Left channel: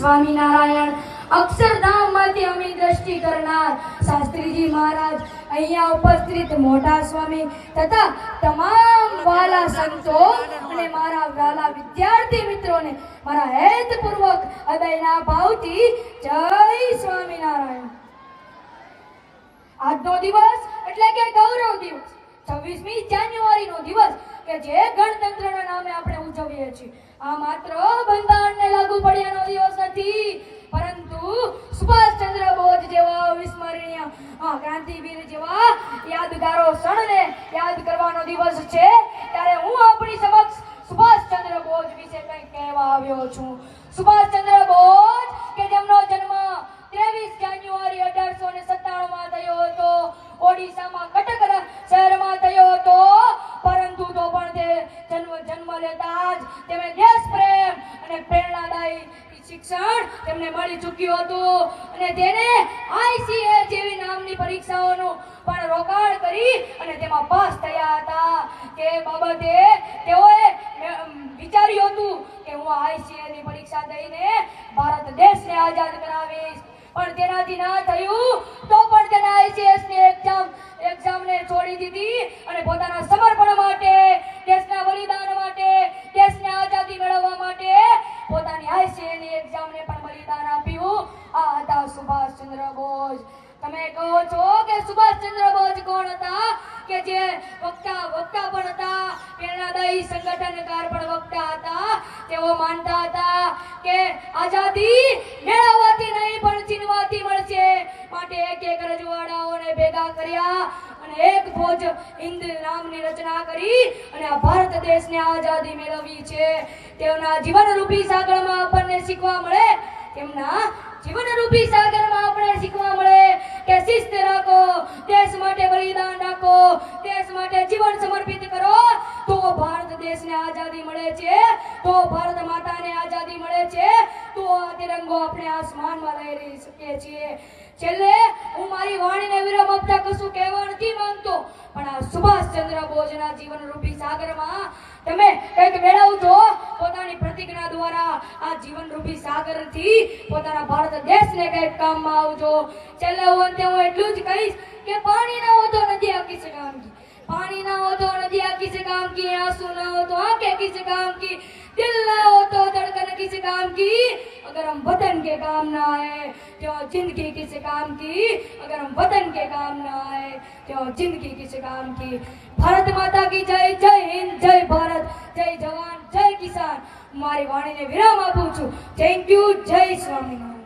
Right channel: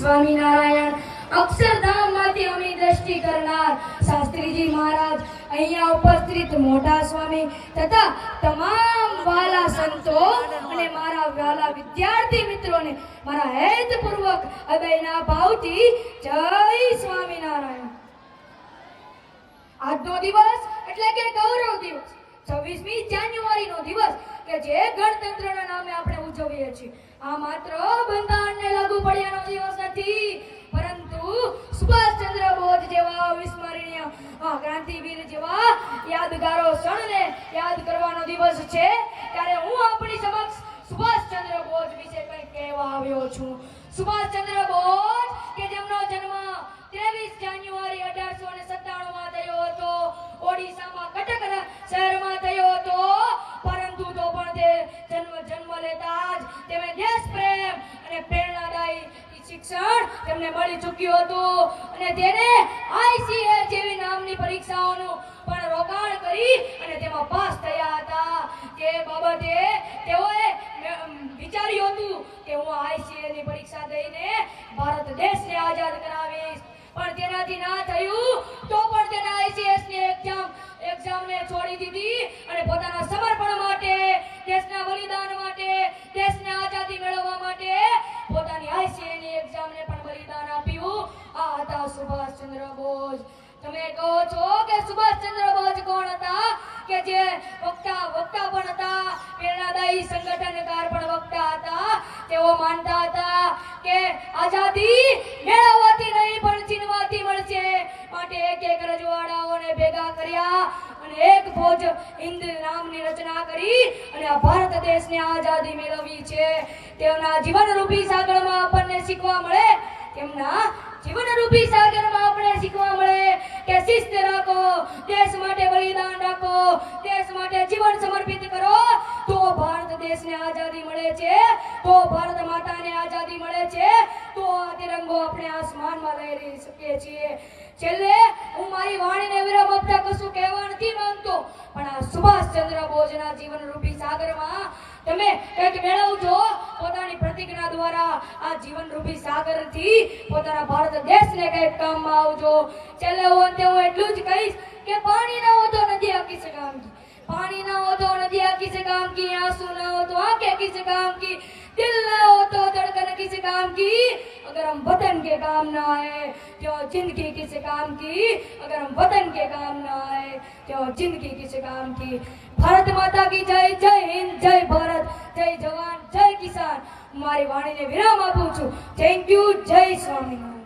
સ્વામિનારાયણ અક્ષરધામમાંથી અમલી દ્રષ્ટિ કરનાર શાસ્ત્રીજી મહારાજ, અહીંયા ઉપસ્થિત મોટા સ્વામી તથા તમામ વાલા સંતો અને મારા વાલા વિદ્યાર્થી મિત્રોને મારા હેતપૂર્વક હૃદયના ભાવથી જય સ્વામિનારાયણ। આજનો દિવસ એટલે કે ગૌરવ દિવસ, 26મી જાન્યુઆરીનો દિવસ કે જે ગણતંત્રના નામે આપણે ઉજવીએ છીએ, આ માત્ર બંધારણને લાગુ પડ્યાનો દિવસ નથી, પરંતુ સુભાષચંદ્ર બોઝ જેવા અવિસ્મરણીય ક્રાંતિવીર જેવા યાદગારો ક્ષણને યાદ કરવાનો દિવસ છે। ત્યારે હું આપણી સમક્ષ સુભાષચંદ્ર બોઝ વિશે કંઈ કહેવા આવ્યો છું। સુભાષચંદ્ર બોઝ કે જેમનો જન્મ 23 જાન્યુઆરી 1897માં થયો હતો, ઓડિશામાં કટક શહેરમાં થયો હતો, પરંતુ તો પણ તે જન્મ લેતા જ તેમને દેશ પ્રેમ અને પ્રેરણાદાયી શિક્ષણ તેમને મળી ચૂક્યું હતું અને તેને આઈસીએ જેવી નામની પરીક્ષાઓનું પણ રોકાણ કરી અને તેમાં પાસ થયા હતા। તે બાબતે તેઓએ વિચાર્યું હતું કે હું આઈસીએ ની પરીક્ષા દઈને ભારત દેશને આઝાદ કરાવીશ, પણ તેનાથી ના થયું તો પણ તેને આઈસીએસ ની એક્ઝામને છોડી દીધી અને પોતાના સમર્પણ માટે, દેશના બલિદાન માટે, દેશને આઝાદી મેળવવા માટે પોતાની આઈસીએ ની એક્ઝામને પણ બલિદાન આપ્યું। આ હતા સુભાષચંદ્ર બોઝ। તમે કહો છો કે સુભાષચંદ્ર બોઝ કોણ હતા? કે જે વક્તા પણ હતા, પ્રેરણાદાયી સંગઠનકાર પણ વક્તા હતા। તેઓ માનતા હતા કે આઝાદી મેળવવાથી નહીં પણ છીનવાથી મળશે, માટે એક રજવાડાઓને ભેગા કર્યા અને એક ફોજ હિન્દ નામની રચના કરી અને આ ભારત દેશને આઝાદી મેળવી છે। તેમના જીવનરૂપી સાગરમાં આપણને શીખવા મળે, તેમના જીવનરૂપી સાગરમાં આપણે શીખવા મળે કે શિસ્ત રાખો, દેશ માટે બલિદાન રાખો, દેશ માટે જીવન સમર્પિત કરો, તો ભારત દેશને આઝાદી મળે છે, તો ભારત માતાને આઝાદી મળે છે, તો આ તિરંગો આપણે આસમાનમાં લહેરી શકીએ છીએ। છેલ્લે હું મારી વાણીને વિરામ આપતા કશું કહેવા નથી માંગતો, પણ આ સુભાષચંદ્ર બોઝના જીવનરૂપી સાગરમાં તમે કંઈક મેળવજો, પોતાની પ્રતિજ્ઞા દ્વારા આ જીવનરૂપી સાગરથી પોતાના ભારત દેશને કંઈક કામમાં આવજો। છેલ્લે હું એટલું જ કહીશ કે પાણી ના હો તો નદી આ કિસ કામ કી, पानी ना हो तो नदियाँ किस काम की, आंसू ना हो तो आंखें किस काम की, दिल ना हो तो धड़कन किस काम की, अगर हम वतन के काम ना आए तो जिंदगी किस काम की, अगर हम वतन के काम ना आए तो जिंदगी किस काम की। भारत माता की जय, जय हिंद, जय भारत, जय जवान, जय किसान। मारी वाणी ने विराम आपू छू। Thank you. जय स्वामीनारायण।